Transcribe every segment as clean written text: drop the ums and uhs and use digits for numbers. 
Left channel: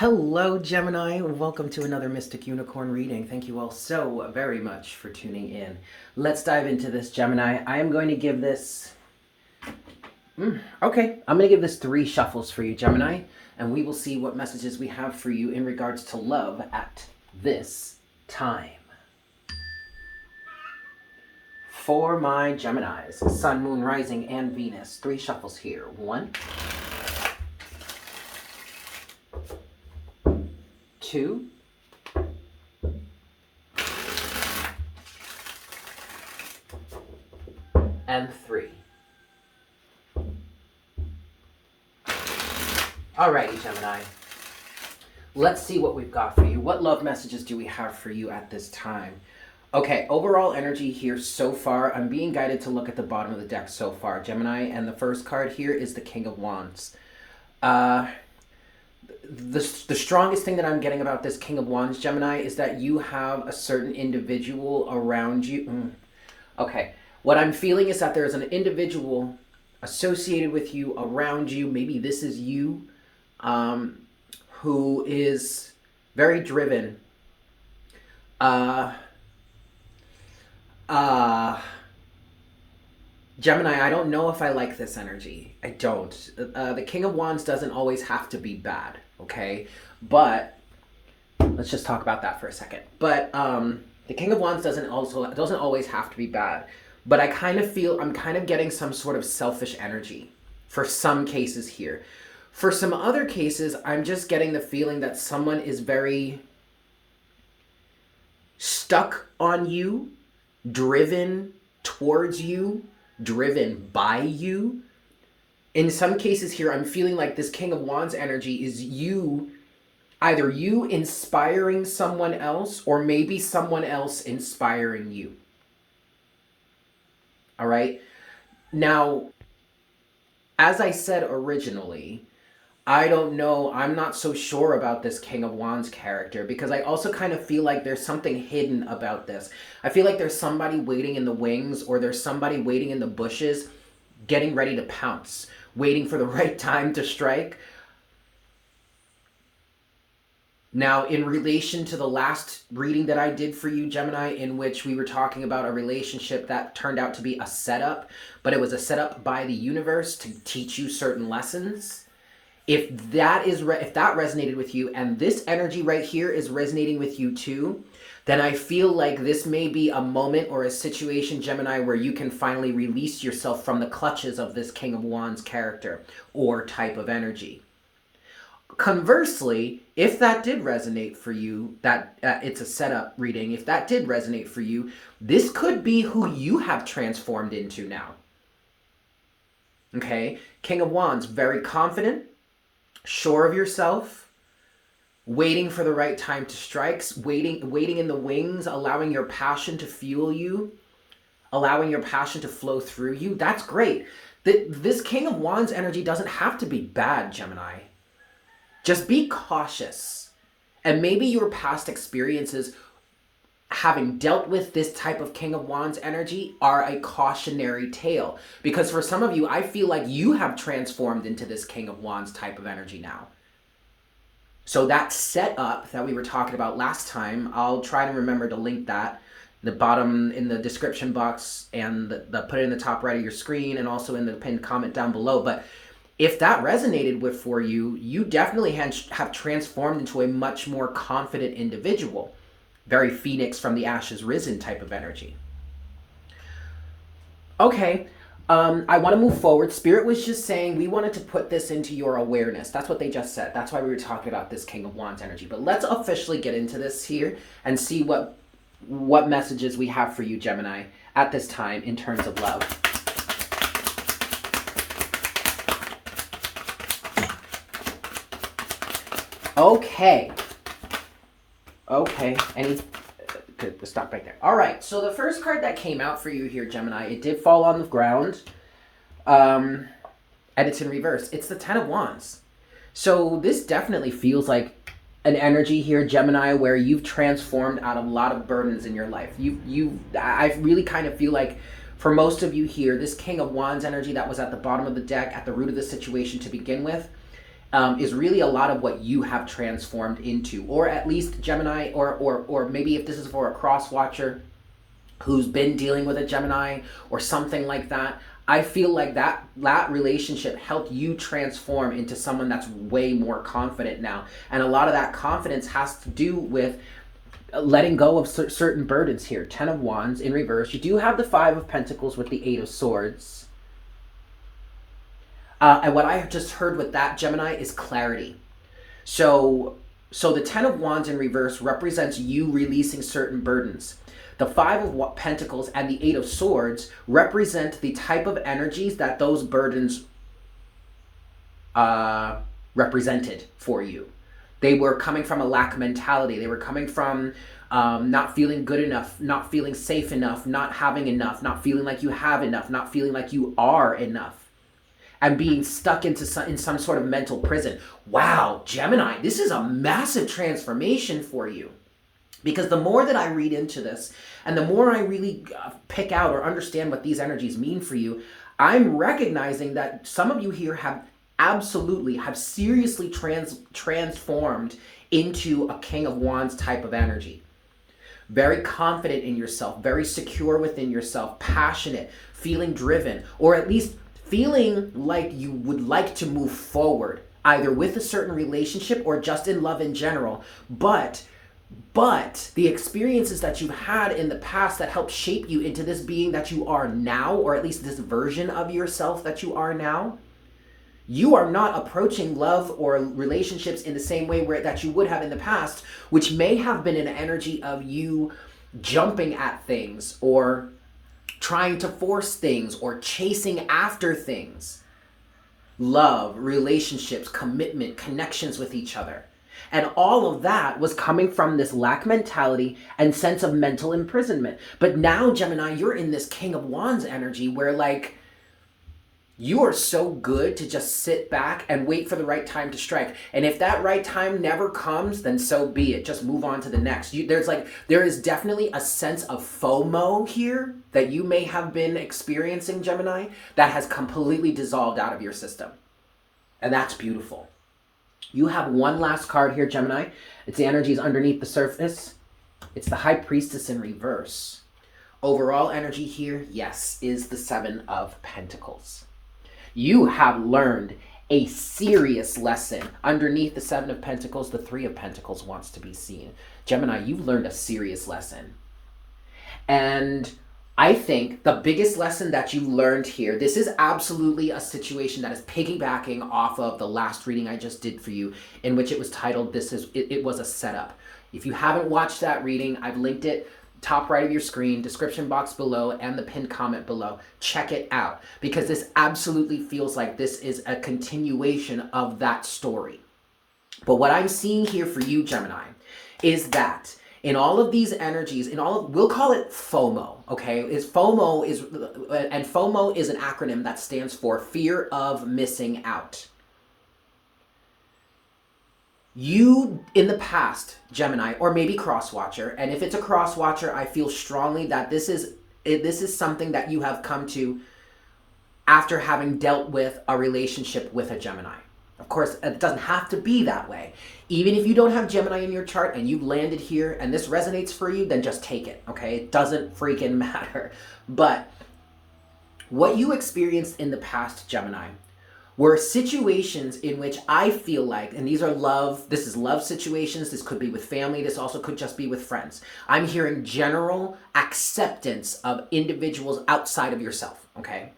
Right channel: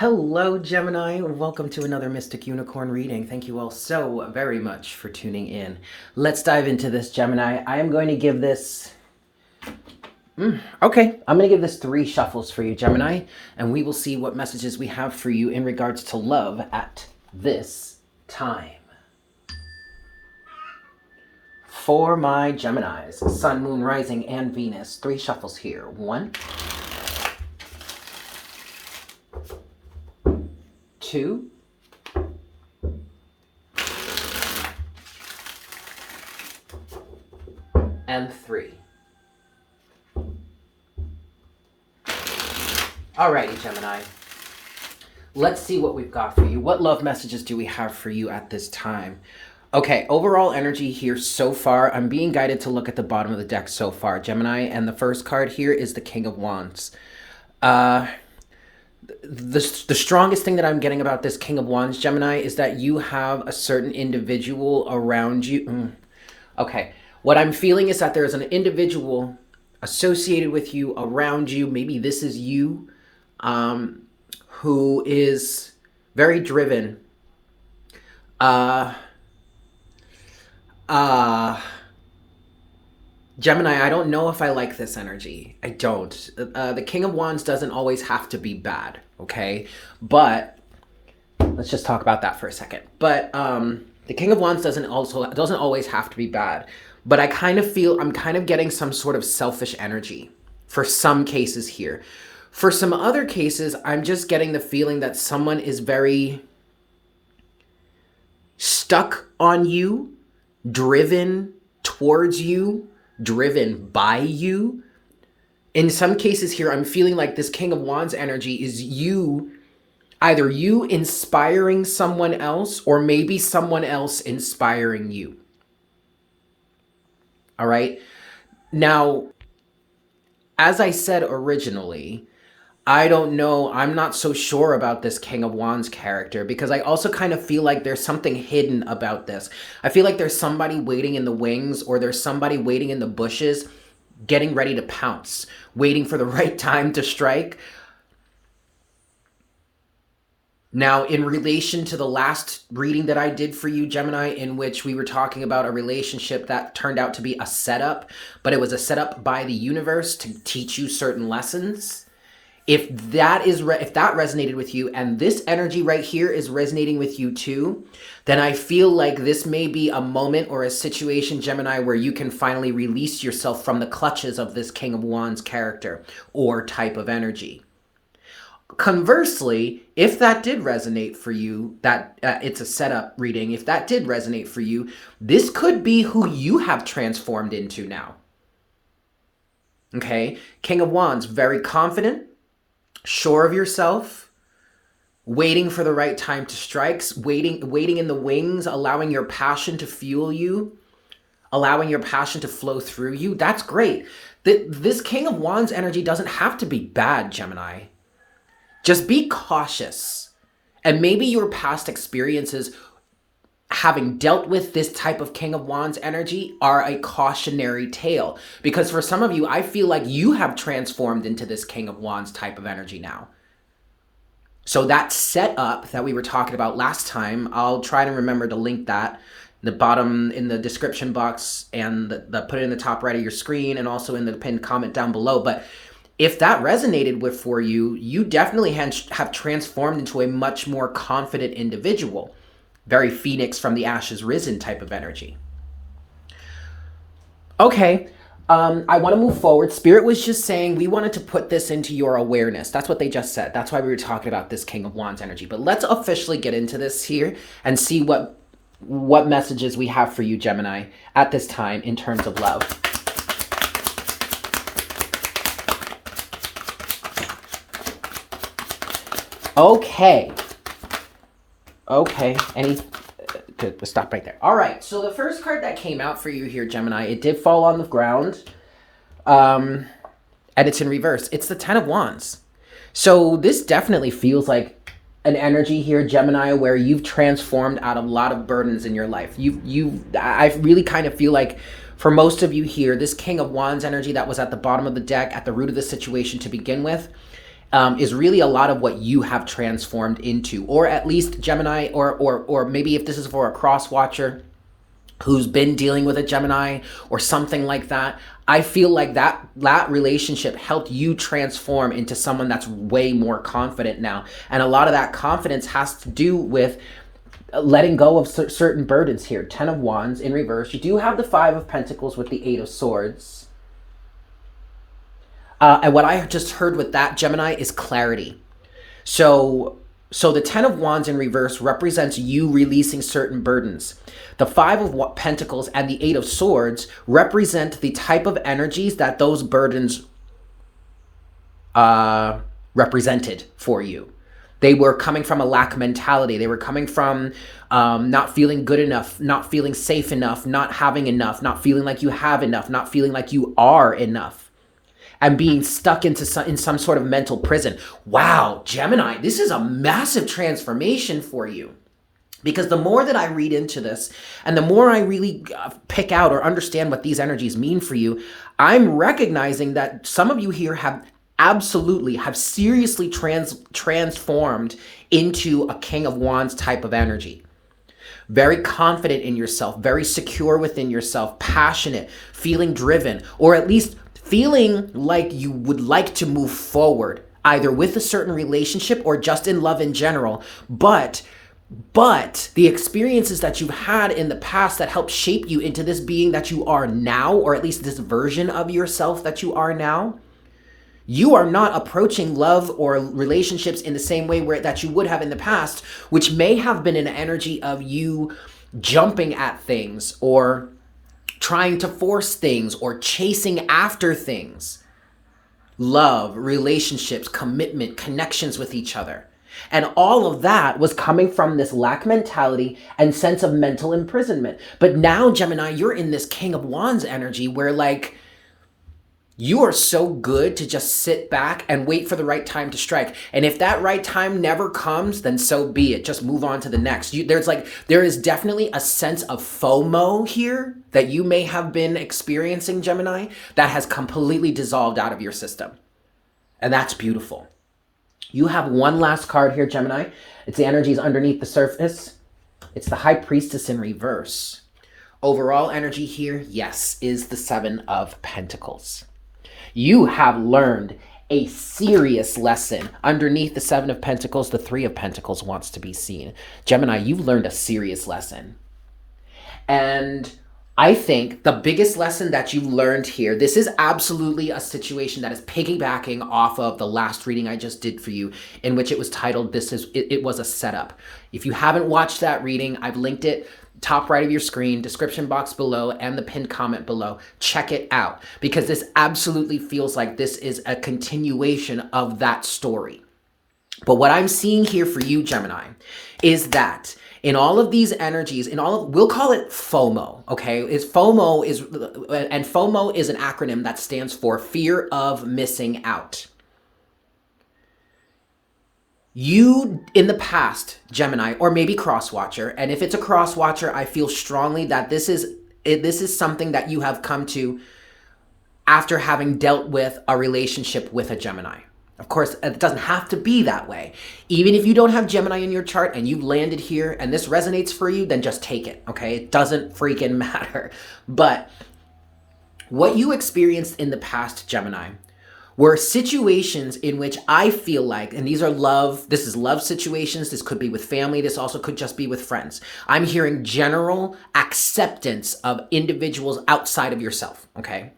Hello, Gemini. Welcome to another Mystic Unicorn reading. Thank you all so very much for tuning in. Let's dive into this, Gemini. I am going to give this... Okay, I'm going to give this 3 shuffles for you, Gemini, and we will see what messages we have for you in regards to love at this time. For my Geminis, Sun, Moon, Rising, and Venus, 3 shuffles here. 1, 2, and 3. Alrighty, Gemini. Let's see what we've got for you. What love messages do we have for you at this time? Okay, overall energy here so far. I'm being guided to look at the bottom of the deck so far, Gemini, and the first card here is the King of Wands. The strongest thing that I'm getting about this King of Wands, Gemini, is that you have a certain individual around you. Okay, what I'm feeling is that there is an individual associated with you, around you. Maybe this is you, who is very driven. Gemini, I don't know if I like this energy. I don't. The King of Wands doesn't always have to be bad, okay? But let's just talk about that for a second. But the King of Wands doesn't always have to be bad. But I kind of feel I'm kind of getting some sort of selfish energy for some cases here. For some other cases, I'm just getting the feeling that someone is very stuck on you, driven towards you, driven by you. In some cases here, I'm feeling like this King of Wands energy is you, either you inspiring someone else or maybe someone else inspiring you. All right. Now, as I said originally, I don't know. I'm not so sure about this King of Wands character because I also kind of feel like there's something hidden about this. I feel like there's somebody waiting in the wings, or there's somebody waiting in the bushes, getting ready to pounce, waiting for the right time to strike. Now, in relation to the last reading that I did for you, Gemini, in which we were talking about a relationship that turned out to be a setup, but it was a setup by the universe to teach you certain lessons. If that resonated with you, and this energy right here is resonating with you too, then I feel like this may be a moment or a situation, Gemini, where you can finally release yourself from the clutches of this King of Wands character or type of energy. Conversely, if that did resonate for you, that it's a setup reading, if that did resonate for you, this could be who you have transformed into now. Okay, King of Wands, very confident, sure of yourself, waiting for the right time to strike, waiting in the wings, allowing your passion to fuel you, allowing your passion to flow through you. That's great. This King of Wands energy doesn't have to be bad, Gemini. Just be cautious. And maybe your past experiences having dealt with this type of King of Wands energy are a cautionary tale. Because for some of you, I feel like you have transformed into this King of Wands type of energy now. So that setup that we were talking about last time, I'll try to remember to link that. The bottom in the description box, and put it in the top right of your screen, and also in the pinned comment down below. But if that resonated with for you, you definitely have transformed into a much more confident individual. Very Phoenix from the ashes risen type of energy. Okay, I want to move forward. Spirit was just saying we wanted to put this into your awareness. That's what they just said. That's why we were talking about this King of Wands energy. But let's officially get into this here and see what messages we have for you, Gemini, at this time in terms of love. Okay. Good, we'll stop right there. All right, so the first card that came out for you here, Gemini, it did fall on the ground, and it's in reverse. It's the Ten of Wands. So this definitely feels like an energy here, Gemini, where you've transformed out of a lot of burdens in your life. I really kind of feel like for most of you here, this King of Wands energy that was at the bottom of the deck, at the root of the situation to begin with, is really a lot of what you have transformed into, or at least Gemini, or maybe if this is for a cross watcher who's been dealing with a Gemini or something like that. I feel like that relationship helped you transform into someone that's way more confident now. And a lot of that confidence has to do with letting go of certain burdens here. 10 of Wands in reverse. You do have the 5 of Pentacles with the 8 of Swords. And what I just heard with that, Gemini, is clarity. So the 10 of Wands in reverse represents you releasing certain burdens. The 5 of Pentacles and the 8 of Swords represent the type of energies that those burdens represented for you. They were coming from a lack mentality. They were coming from not feeling good enough, not feeling safe enough, not having enough, not feeling like you have enough, not feeling like you are enough, and being stuck in some sort of mental prison. Wow, Gemini, this is a massive transformation for you. Because the more that I read into this, and the more I really pick out or understand what these energies mean for you, I'm recognizing that some of you here have seriously transformed into a King of Wands type of energy. Very confident in yourself, very secure within yourself, passionate, feeling driven, or at least feeling like you would like to move forward, either with a certain relationship or just in love in general. But the experiences that you've had in the past that helped shape you into this being that you are now, or at least this version of yourself that you are now, you are not approaching love or relationships in the same way that you would have in the past, which may have been an energy of you jumping at things or trying to force things or chasing after things. Love, relationships, commitment, connections with each other. And all of that was coming from this lack mentality and sense of mental imprisonment. But now, Gemini, you're in this King of Wands energy where, like, you are so good to just sit back and wait for the right time to strike. And if that right time never comes, then so be it. Just move on to the next. There is definitely a sense of FOMO here that you may have been experiencing, Gemini, that has completely dissolved out of your system. And that's beautiful. You have one last card here, Gemini. It's the energies underneath the surface. It's the High Priestess in reverse. Overall energy here, yes, is the 7 of Pentacles. You have learned a serious lesson. Underneath the 7 of Pentacles, the 3 of Pentacles wants to be seen. Gemini, you've learned a serious lesson. And I think the biggest lesson that you learned here, this is absolutely a situation that is piggybacking off of the last reading I just did for you, in which it was titled, It Was a Setup. If you haven't watched that reading, I've linked it top right of your screen, description box below, and the pinned comment below. Check it out, because this absolutely feels like this is a continuation of that story. But what I'm seeing here for you, Gemini, is that in all of these energies, we'll call it FOMO, okay? FOMO is an acronym that stands for fear of missing out. You, in the past, Gemini, or maybe cross-watcher, and if it's a cross-watcher, I feel strongly that this is something that you have come to after having dealt with a relationship with a Gemini. Of course, it doesn't have to be that way. Even if you don't have Gemini in your chart and you've landed here and this resonates for you, then just take it, okay? It doesn't freaking matter. But what you experienced in the past, Gemini, were situations in which I feel like, and this is love situations, this could be with family, this also could just be with friends. I'm hearing general acceptance of individuals outside of yourself, okay?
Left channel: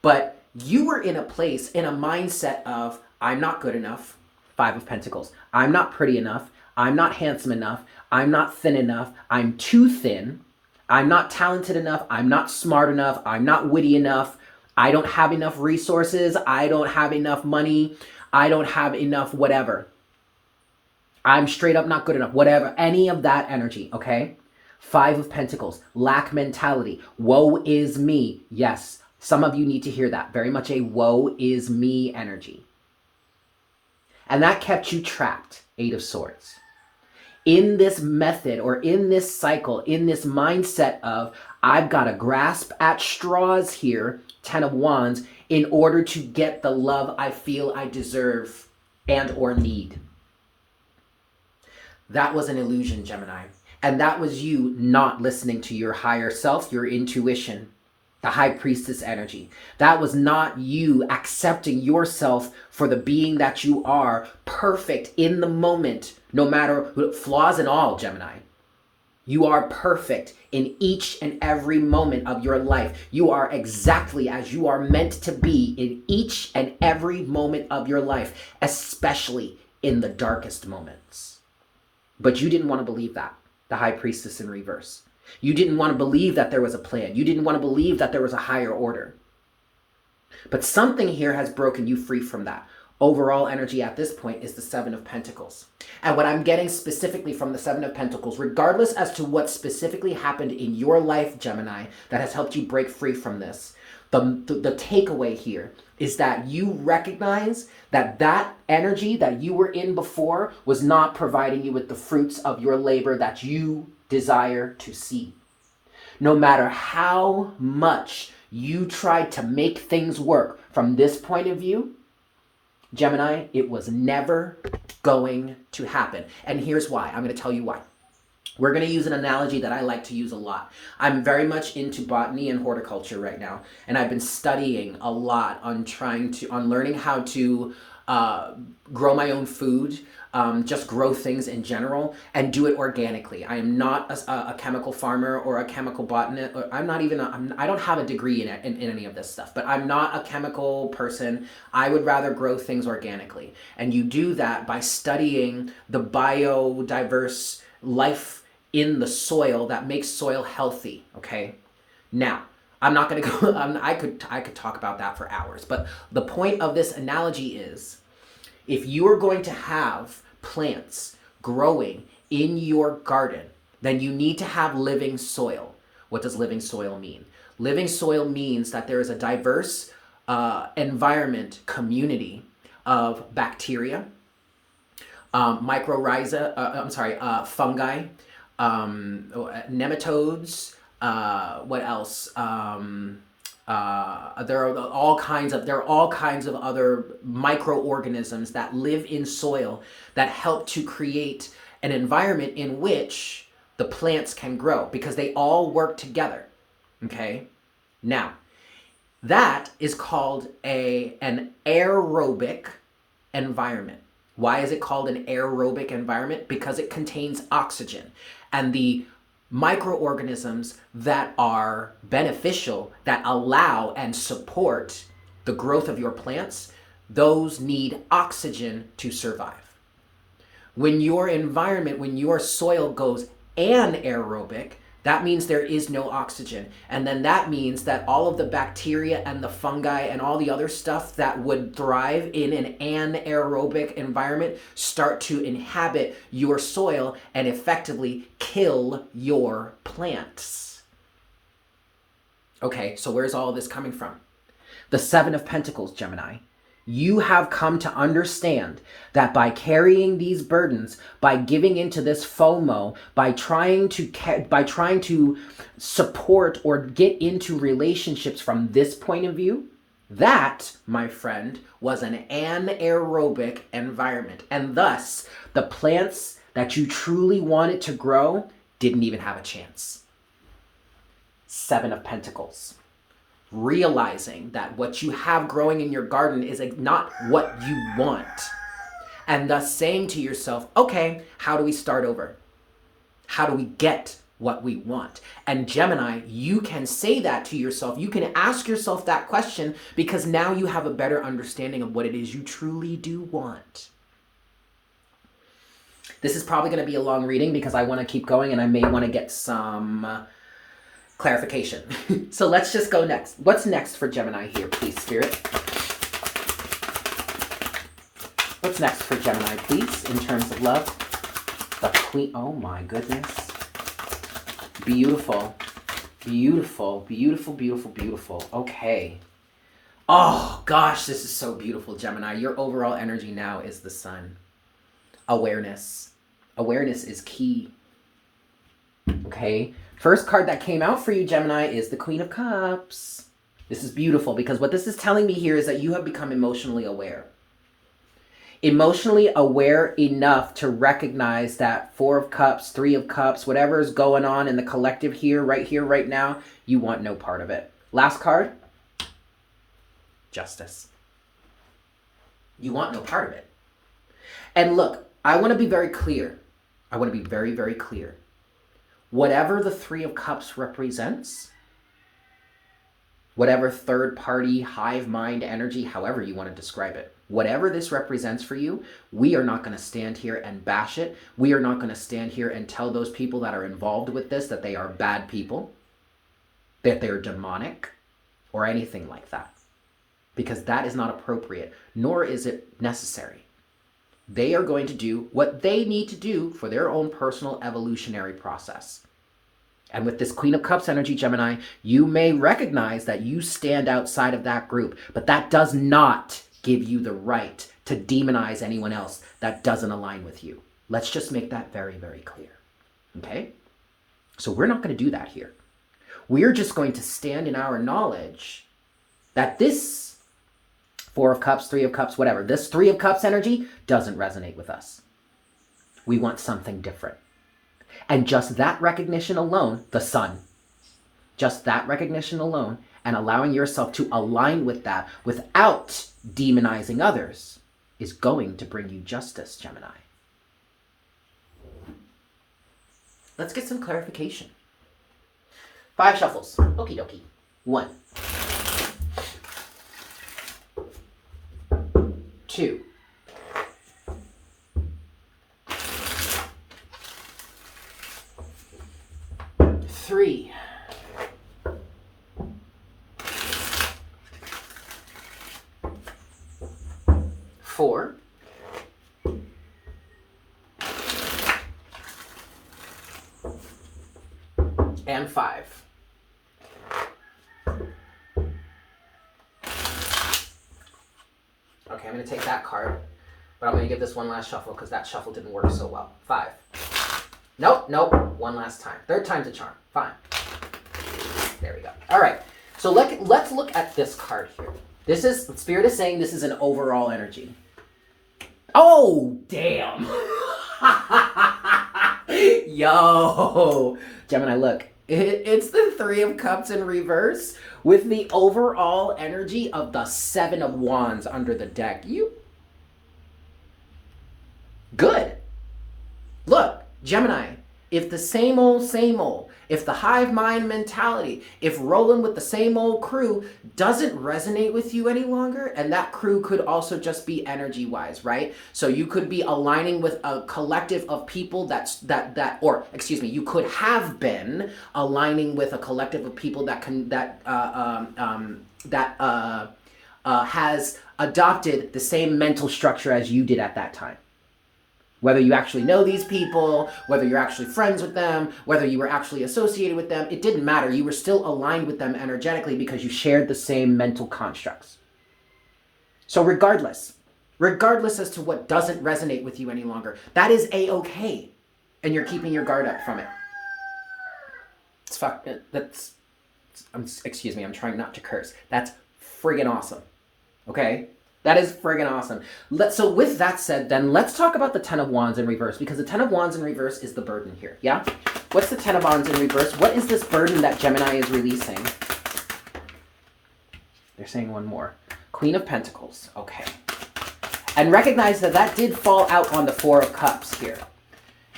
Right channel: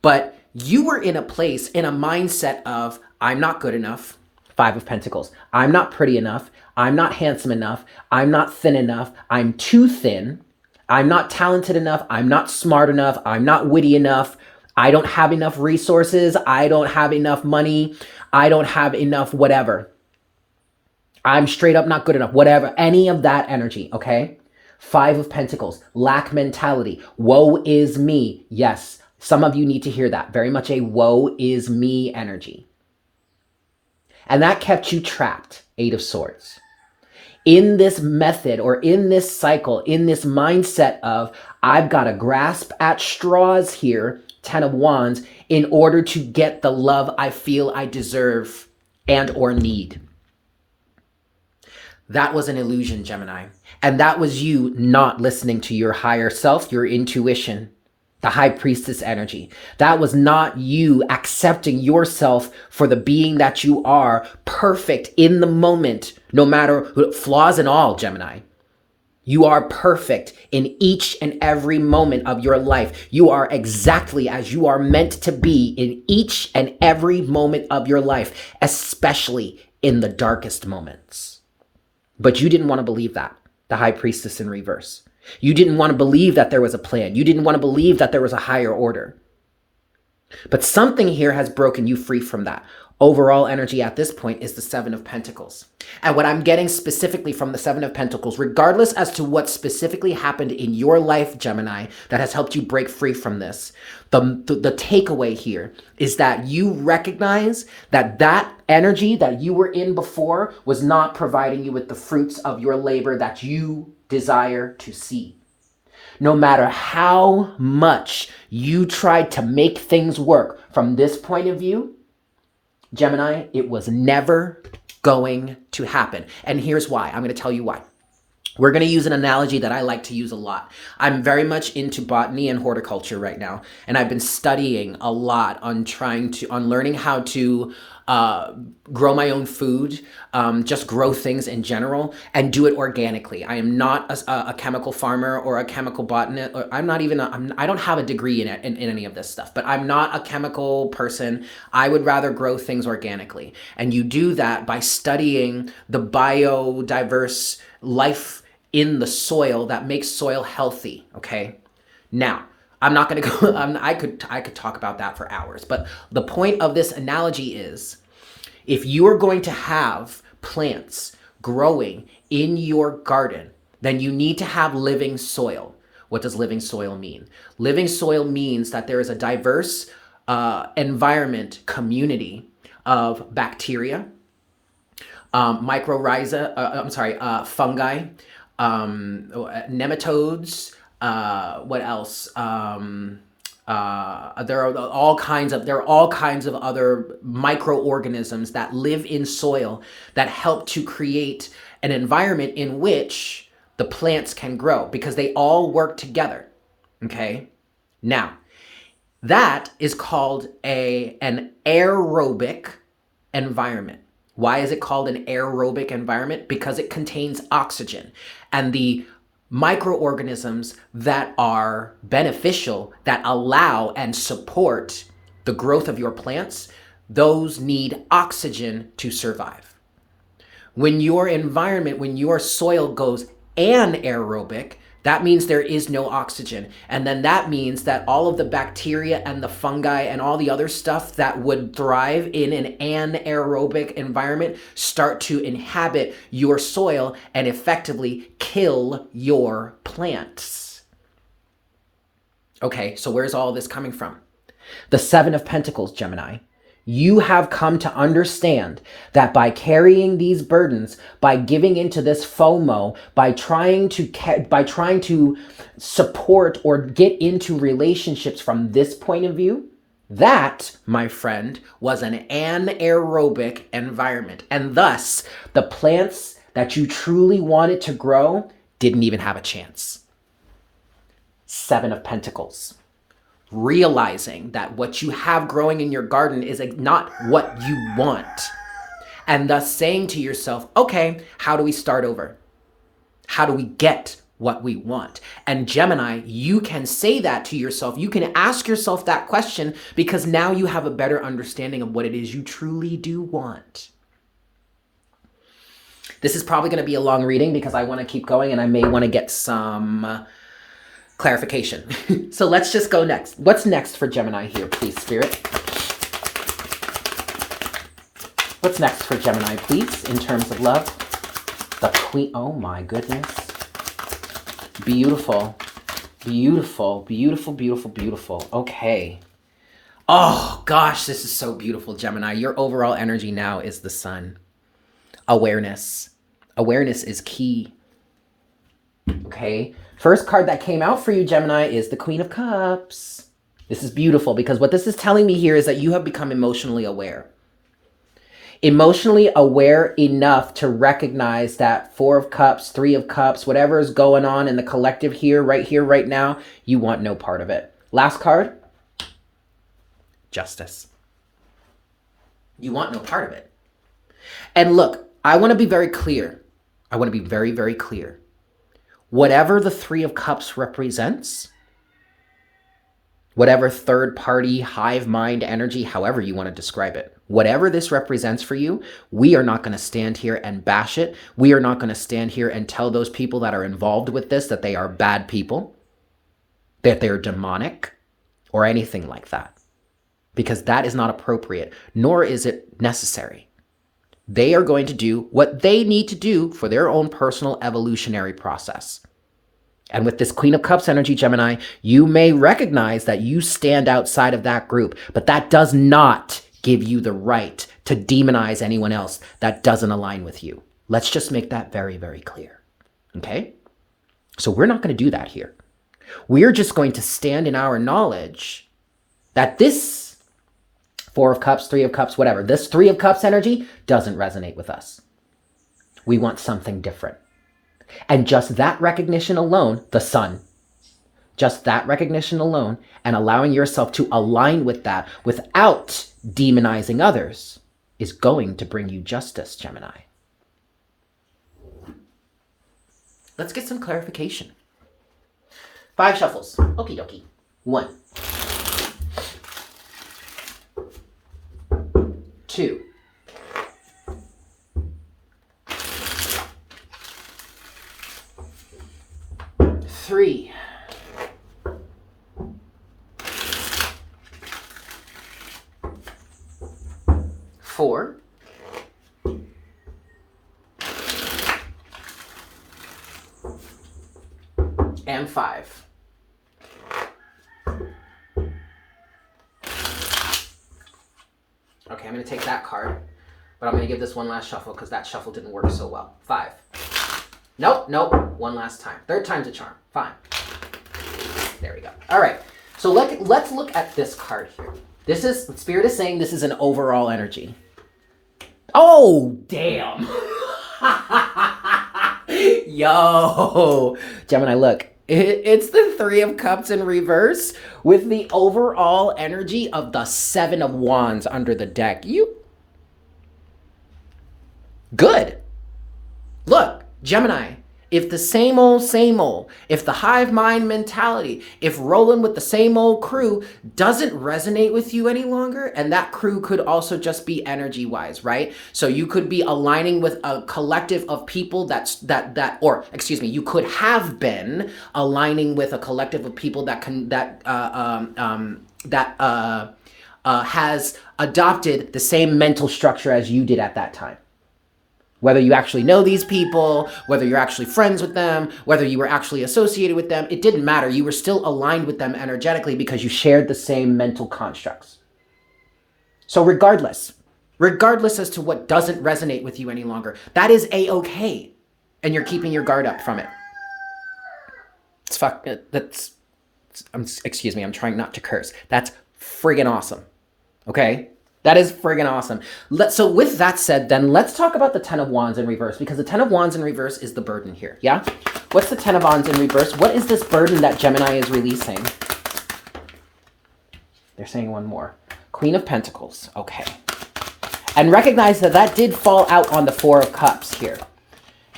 But you were in a place, in a mindset of, I'm not good enough, 5 of Pentacles. I'm not pretty enough. I'm not handsome enough. I'm not thin enough. I'm too thin. I'm not talented enough. I'm not smart enough. I'm not witty enough. I don't have enough resources. I don't have enough money. I don't have enough whatever. I'm straight up not good enough. Whatever. Any of that energy, okay? 5 of Pentacles. Lack mentality. Woe is me. Yes. Some of you need to hear that. Very much a woe is me energy. And that kept you trapped, 8 of Swords. In this method or in this cycle, in this mindset of, I've got to grasp at straws here, 10 of Wands, in order to get the love I feel I deserve and or need. That was an illusion, Gemini. And that was you not listening to your higher self, your intuition, the high priestess energy. That was not you accepting yourself for the being that you are, perfect in the moment, no matter flaws and all, Gemini. You are perfect in each and every moment of your life. You are exactly as you are meant to be in each and every moment of your life, especially in the darkest moments. But you didn't want to believe that, the high priestess in reverse. You didn't want to believe that there was a plan. You didn't want to believe that there was a higher order. But something here has broken you free from that. Overall energy at this point is the Seven of Pentacles. And what I'm getting specifically from the Seven of Pentacles, regardless as to what specifically happened in your life, Gemini, that has helped you break free from this, the takeaway here is that you recognize that that energy that you were in before was not providing you with the fruits of your labor that you desire to see. No matter how much you tried to make things work from this point of view, Gemini, it was never going to happen. And here's why. I'm going to tell you why. We're going to use an analogy that I like to use a lot. I'm very much into botany and horticulture right now, and I've been studying a lot on learning how to grow my own food, just grow things in general, and do it organically. I am not a chemical farmer or a chemical botanist. I don't have a degree in any of this stuff, but I'm not a chemical person. I would rather grow things organically. And you do that by studying the biodiverse life in the soil that makes soil healthy, okay? Now, I'm not going to go, I could talk about that for hours, but the point of this analogy is, if you are going to have plants growing in your garden, then you need to have living soil. What does living soil mean? Living soil means that there is a diverse environment, community of bacteria, mycorrhiza, fungi, nematodes, what else? There are all kinds of other microorganisms that live in soil that help to create an environment in which the plants can grow because they all work together. Okay? Now, that is called an aerobic environment. Why is it called an aerobic environment? Because it contains oxygen. And the microorganisms that are beneficial, that allow and support the growth of your plants, those need oxygen to survive. When your environment, when your soil goes anaerobic, that means there is no oxygen. And then that means that all of the bacteria and the fungi and all the other stuff that would thrive in an anaerobic environment start to inhabit your soil and effectively kill your plants. Okay, so where's all this coming from? The Seven of Pentacles, Gemini. You have come to understand that by carrying these burdens, by giving into this FOMO, by trying to support or get into relationships from this point of view, that, my friend, was an anaerobic environment. And thus, the plants that you truly wanted to grow didn't even have a chance. Seven of Pentacles. Realizing that what you have growing in your garden is not what you want. And thus saying to yourself, okay, how do we start over? How do we get what we want? And Gemini, you can say that to yourself. You can ask yourself that question because now you have a better understanding of what it is you truly do want. This is probably going to be a long reading because I want to keep going and I may want to get some clarification. So let's just go next. What's next for Gemini here, please, Spirit? What's next for Gemini, please, in terms of love? The Queen. Oh my goodness. Beautiful. Beautiful, beautiful, beautiful, beautiful. Okay. Oh gosh, this is so beautiful, Gemini. Your overall energy now is the Sun. Awareness. Awareness is key. Okay. First card that came out for you, Gemini, is the Queen of Cups. This is beautiful because what this is telling me here is that you have become emotionally aware. Emotionally aware enough to recognize that Four of Cups, Three of Cups, whatever is going on in the collective here, right now, you want no part of it. Last card, Justice. You want no part of it. And look, I want to be very clear. I want to be very, very clear. Whatever the Three of Cups represents, whatever third party, hive mind energy, however you want to describe it, whatever this represents for you, we are not going to stand here and bash it. We are not going to stand here and tell those people that are involved with this that they are bad people, that they're demonic, or anything like that. Because that is not appropriate, nor is it necessary. They are going to do what they need to do for their own personal evolutionary process. And with this Queen of Cups energy, Gemini, you may recognize that you stand outside of that group, but that does not give you the right to demonize anyone else that doesn't align with you. Let's just make that very, very clear. Okay? So we're not going to do that here. We're just going to stand in our knowledge that this Four of Cups, Three of Cups, whatever, this Three of Cups energy doesn't resonate with us. We want something different. And just that recognition alone, the sun, just that recognition alone and allowing yourself to align with that without demonizing others is going to bring you justice, Gemini. Let's get some clarification. 5 shuffles. Okie dokie. 1. 2. 3. 4. And 5. Okay, I'm going to take that card, but I'm going to give this one last shuffle because that shuffle didn't work so well. 5. Nope. One last time. Third time's a charm. Fine. There we go. All right. So let's look at this card here. This is, Spirit is saying this is an overall energy. Oh, damn. Yo. Gemini, look. It's the Three of Cups in reverse with the overall energy of the Seven of Wands under the deck. Good. Look, Gemini, if the same old, if the hive mind mentality, if rolling with the same old crew doesn't resonate with you any longer, and that crew could also just be energy wise, right? So you could be aligning with a collective of people you could have been aligning with a collective of people that has adopted the same mental structure as you did at that time. Whether you actually know these people, whether you're actually friends with them, whether you were actually associated with them, it didn't matter. You were still aligned with them energetically because you shared the same mental constructs. So regardless as to what doesn't resonate with you any longer, that is A-okay. And you're keeping your guard up from it. Excuse me, I'm trying not to curse. That's friggin' awesome. Okay? That is friggin' awesome. So with that said, then let's talk about the Ten of Wands in reverse, because the Ten of Wands in reverse is the burden here, yeah? What's the Ten of Wands in reverse? What is this burden that Gemini is releasing? They're saying one more. Queen of Pentacles, okay. And recognize that did fall out on the Four of Cups here.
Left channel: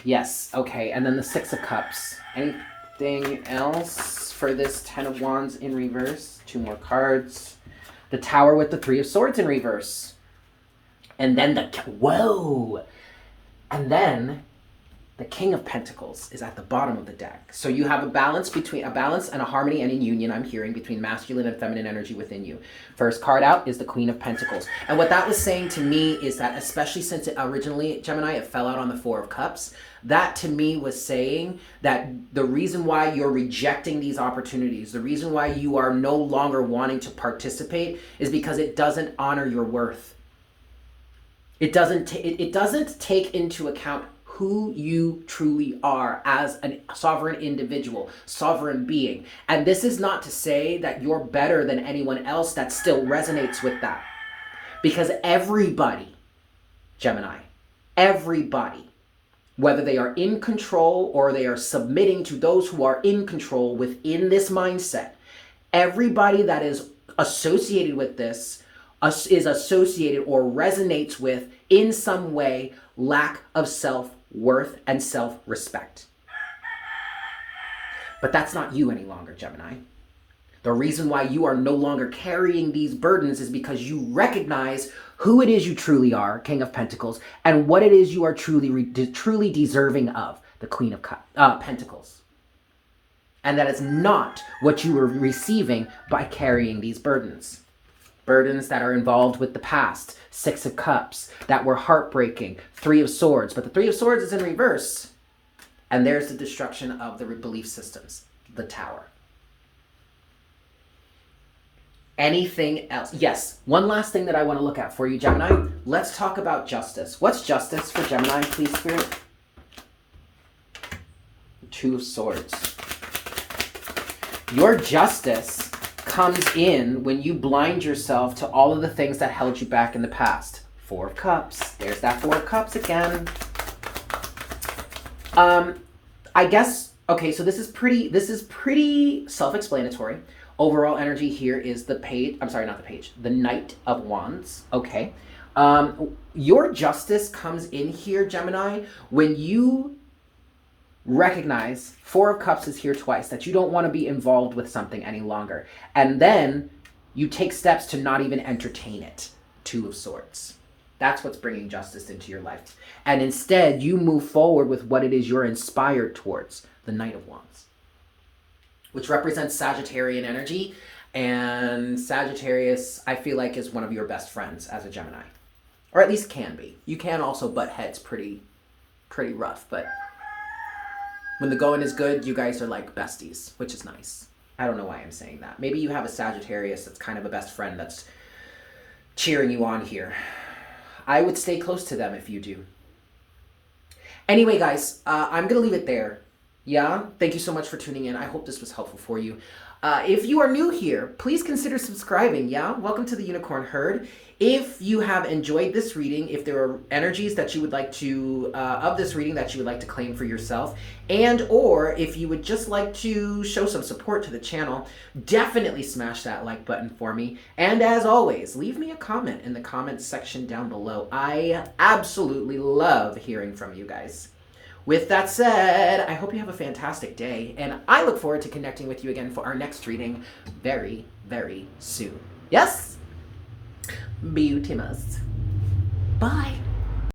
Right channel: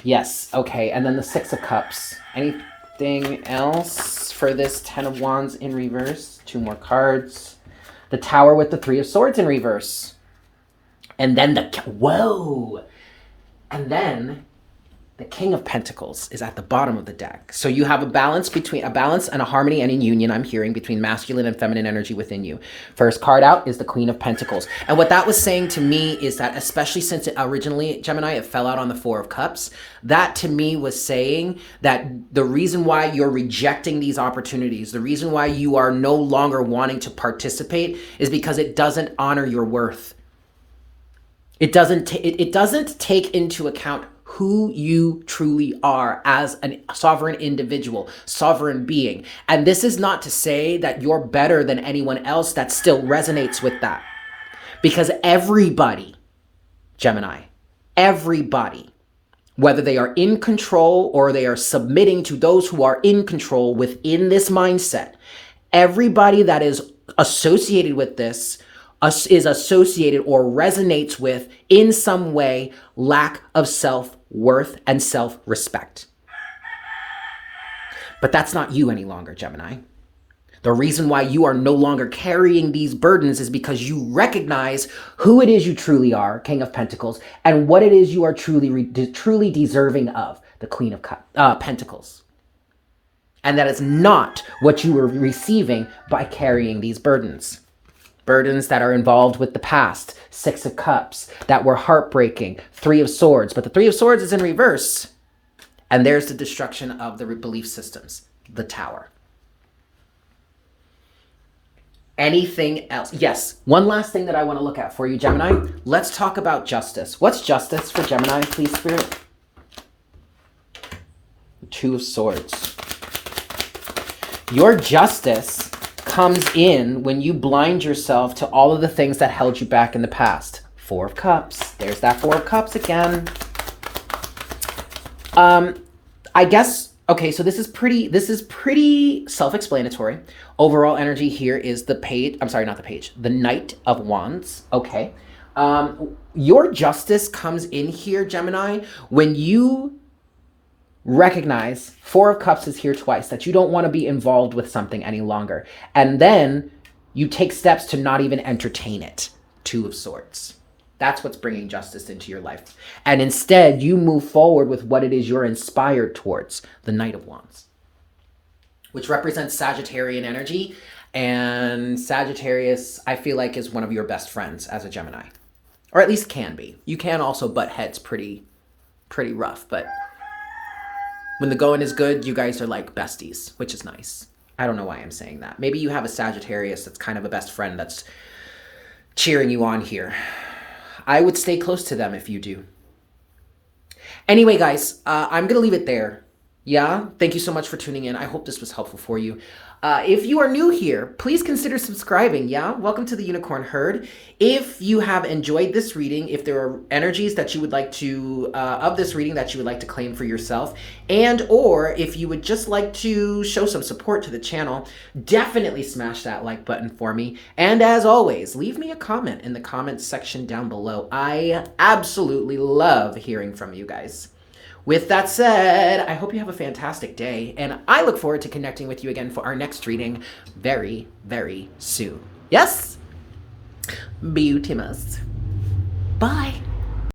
Yes, okay, and then the Six of Cups. Anything else for this Ten of Wands in reverse? 2 more cards. The Tower with the Three of Swords in reverse. And then and then the King of Pentacles is at the bottom of the deck. So you have a balance and a harmony and a union, I'm hearing, between masculine and feminine energy within you. First card out is the Queen of Pentacles. And what that was saying to me is that, especially since it originally, Gemini, it fell out on the Four of Cups, that to me was saying that the reason why you're rejecting these opportunities, the reason why you are no longer wanting to participate is because it doesn't honor your worth. It doesn't take into account who you truly are as a sovereign individual, sovereign being. And this is not to say that you're better than anyone else that still resonates with that. Because everybody Gemini. Everybody, whether they are in control or they are submitting to those who are in control within this mindset, everybody that is associated with this is associated or resonates with, in some way, lack of self-worth and self-respect. But that's not you any longer, Gemini. The reason why you are no longer carrying these burdens is because you recognize who it is you truly are, King of Pentacles, and what it is you are truly deserving of, the Queen of Pentacles. And that is not what you were receiving by carrying these burdens. Burdens that are involved with the past, Six of Cups, that were heartbreaking, Three of Swords. But the Three of Swords is in reverse. And there's the destruction of the belief systems, the Tower. Anything else? Yes, one last thing that I want to look at for you, Gemini. Let's talk about justice. What's justice for Gemini, please, Spirit? Two of Swords. Your justice comes in when you blind yourself to all of the things that held you back in the past. Four of Cups. There's that Four of Cups again. I guess, okay, so this is pretty self-explanatory. Overall energy here is the page, I'm sorry, not the page, the Knight of Wands, okay. Your justice comes in here, Gemini, when you recognize Four of Cups is here twice, that you don't want to be involved with something any longer. And then you take steps to not even entertain it. Two of Swords. That's what's bringing justice into your life. And instead, you move forward with what it is you're inspired towards, the Knight of Wands, which represents Sagittarian energy. And Sagittarius, I feel like, is one of your best friends as a Gemini. Or at least can be. You can also butt heads pretty rough, but when the going is good, you guys are like besties, which is nice. I don't know why I'm saying that. Maybe you have a Sagittarius that's kind of a best friend that's cheering you on here. I would stay close to them if you do. Anyway, guys, I'm going to leave it there. Yeah? Thank you so much for tuning in. I hope this was helpful for you. If you are new here, please consider subscribing, yeah? Welcome to the Unicorn Herd. If you have enjoyed this reading, if there are energies that you would like to, of this reading that you would like to claim for yourself, and or if you would just like to show some support to the channel, definitely smash that like button for me. And as always, leave me a comment in the comments section down below. I absolutely love hearing from you guys. With that said, I hope you have a fantastic day, and I look forward to connecting with you again for our next reading very, very soon. Yes? Beautimus. Bye.